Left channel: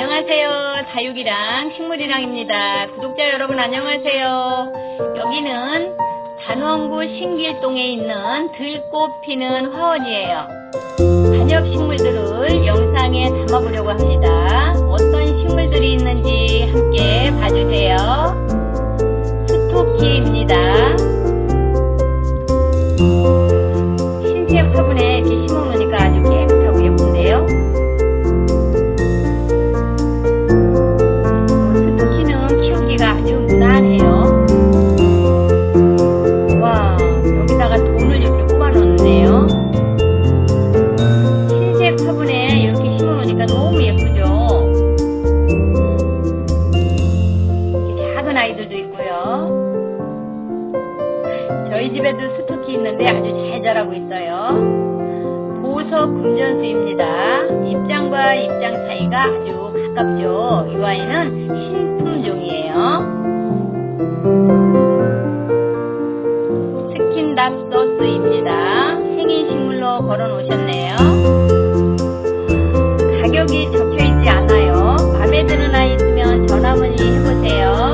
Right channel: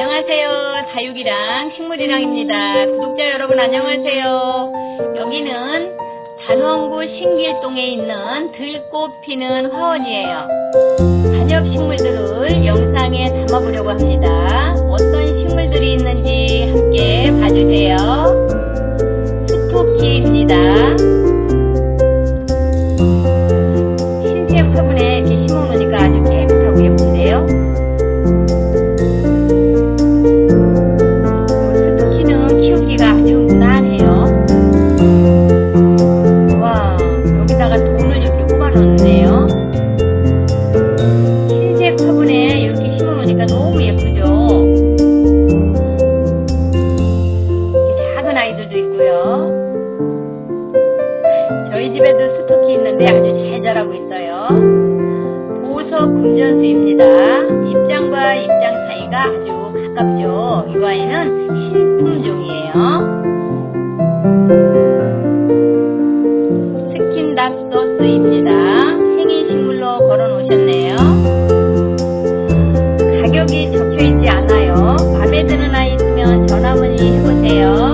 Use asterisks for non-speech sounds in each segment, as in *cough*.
안녕하세요. 다육이랑 식물이랑입니다. 구독자 여러분 안녕하세요. 여기는 단원구 신길동에 있는 들꽃 피는 화원이에요. 관엽 식물들을 영상에 담아보려고 합니다. 어떤 식물들이 있는지 함께 봐주세요. 스토키입니다. 흰색 화분에 이렇게 심어놓으니까 아이들도 있고요. 저희 집에도 스토키 있는데 아주 잘 자라고 있어요. 보석 금전수입니다. 입장과 입장 사이가 아주 가깝죠. 이 아이는 신품종이에요. 스킨답소스입니다. 생인식물로 걸어 놓으셨네요. 가격이 적혀 있지 않아요. 마음에 드는 아이 있으면 전화 문의 해보세요.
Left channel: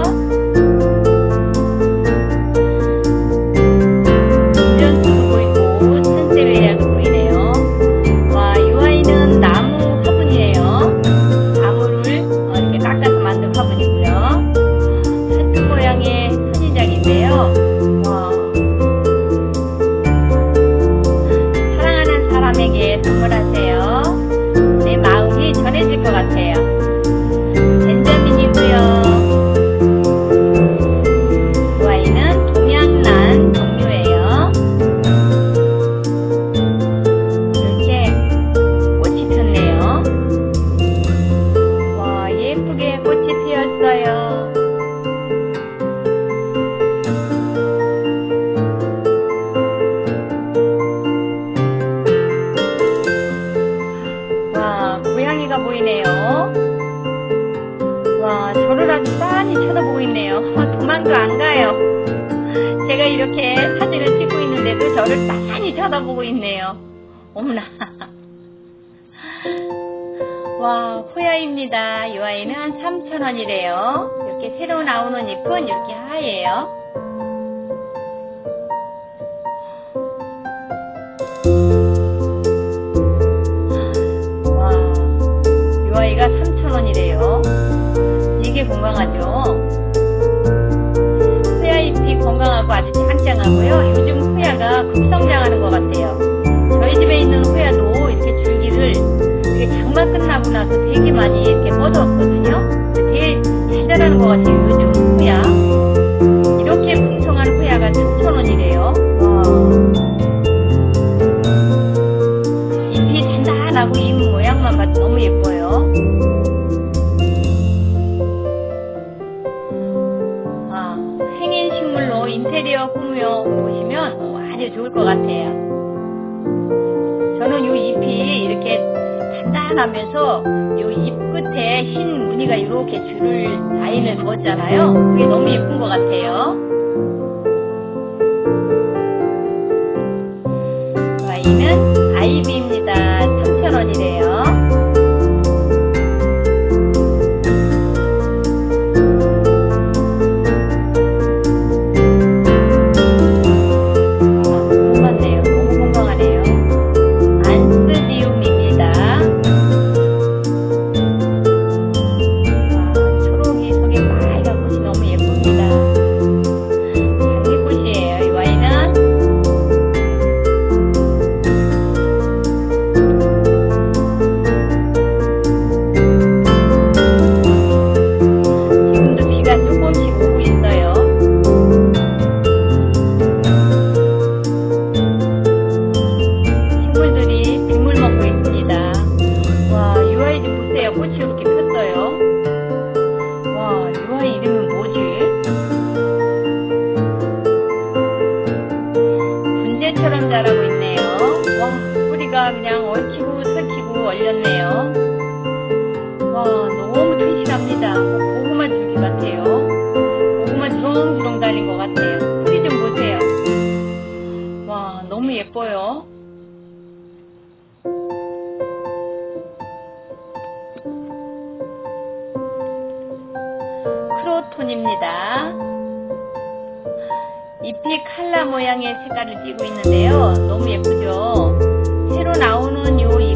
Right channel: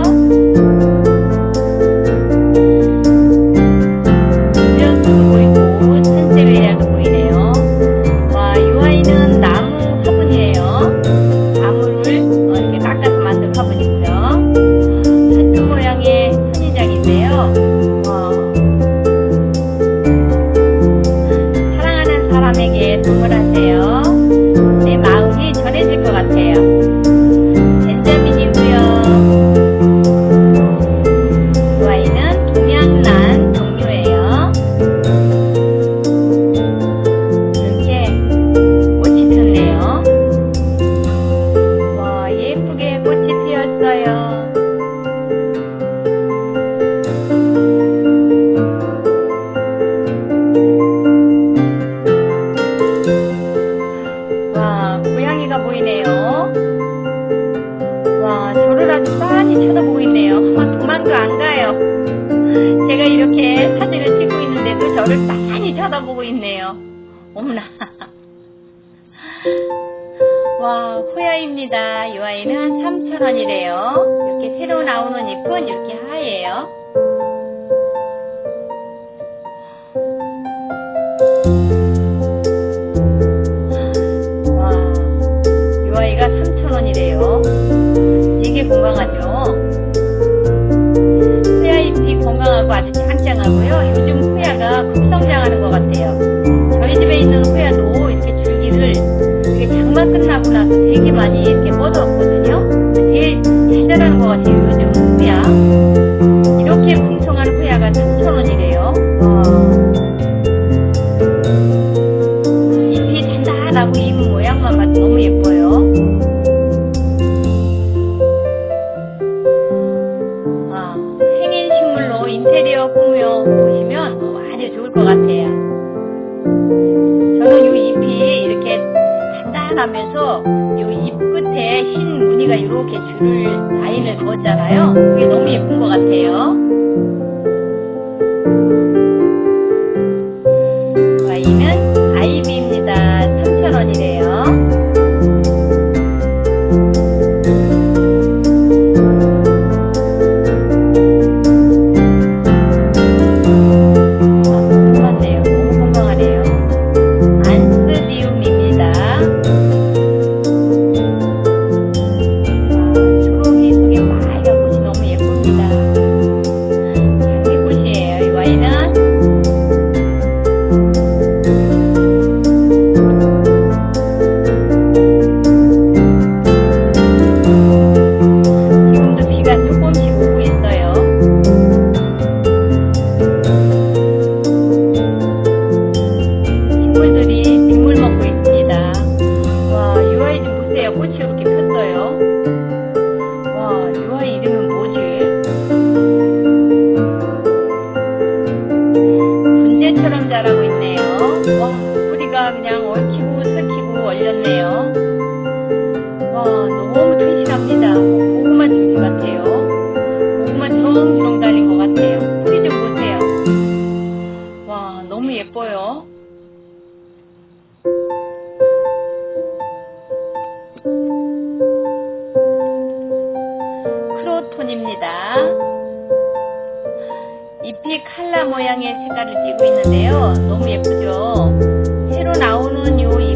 피었어요. 와, 고양이가 보이네요. 와, 저를 아주 빤히 쳐다보고 있네요. *laughs* 도망도 안 가요. 제가 이렇게 사진을 찍고 있는데도 저를 빤히 쳐다보고 있네요. 어머나. *laughs* 와, 호야입니다. 이 아이는 3,000원이래요. 이렇게 새로 나오는 잎은 이렇게 하얘요. 와, 이 아이가 3,000원이래요. 되게 건강하죠? 호야 잎이 건강하고 아주 짱짱하고요. 요즘 호야가 급성장하는 것 같아요. 나고 나서 되게 많이 이렇게 뻗었거든요. 되게 잘 자라는 것 같아요. 요즘 호야. 이렇게 풍성한 호야가 3,000원이래요. 와. 잎이 단단하고 잎 모양만 봐도 너무 예뻐요. 아, 생인 식물로 인테리어 꾸며 보시면 어, 아주 좋을 것 같아요. 저는 이잎 끝에 흰 무늬가 이렇게 줄을 라인을 그었잖아요. 그게 너무 예쁜 것 같아요. 와이는 아이비입니다. 3,000원이래요. 보세요. 꽃이 이렇게 폈어요. 와, 유아이 이름은 뭐지? 분재처럼 자라고 있네요. 와, 뿌리가 그냥 얽히고 설키고 얼렸네요. 와, 너무 튼실합니다. 고구마 줄기 같아요. 고구마 주렁주렁 달린 것 같아요. 뿌리 좀 보세요. 와, 너무 예뻐요. 모노톤입니다. 잎이 칼라 모양의 색깔을 띠고 있는데요. 너무 예쁘죠? 새로 나오는 요 잎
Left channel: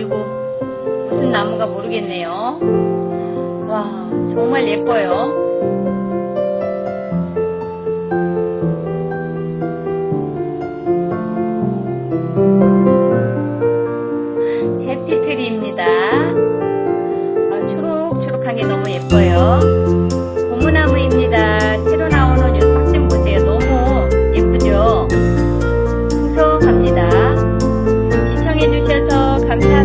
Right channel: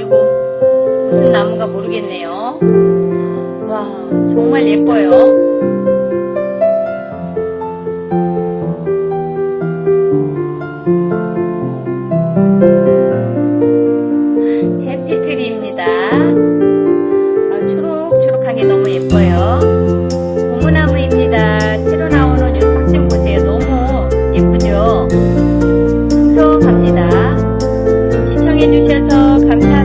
그리고 무슨 나무가 모르겠네요. 와, 정말 예뻐요. 해피트리입니다. 아, 초록초록한 게 너무 예뻐요. 고무나무입니다. 새로 나오는 유삭진 보세요. 너무 예쁘죠? 풍성합니다. 시청해주셔서 감사합니다.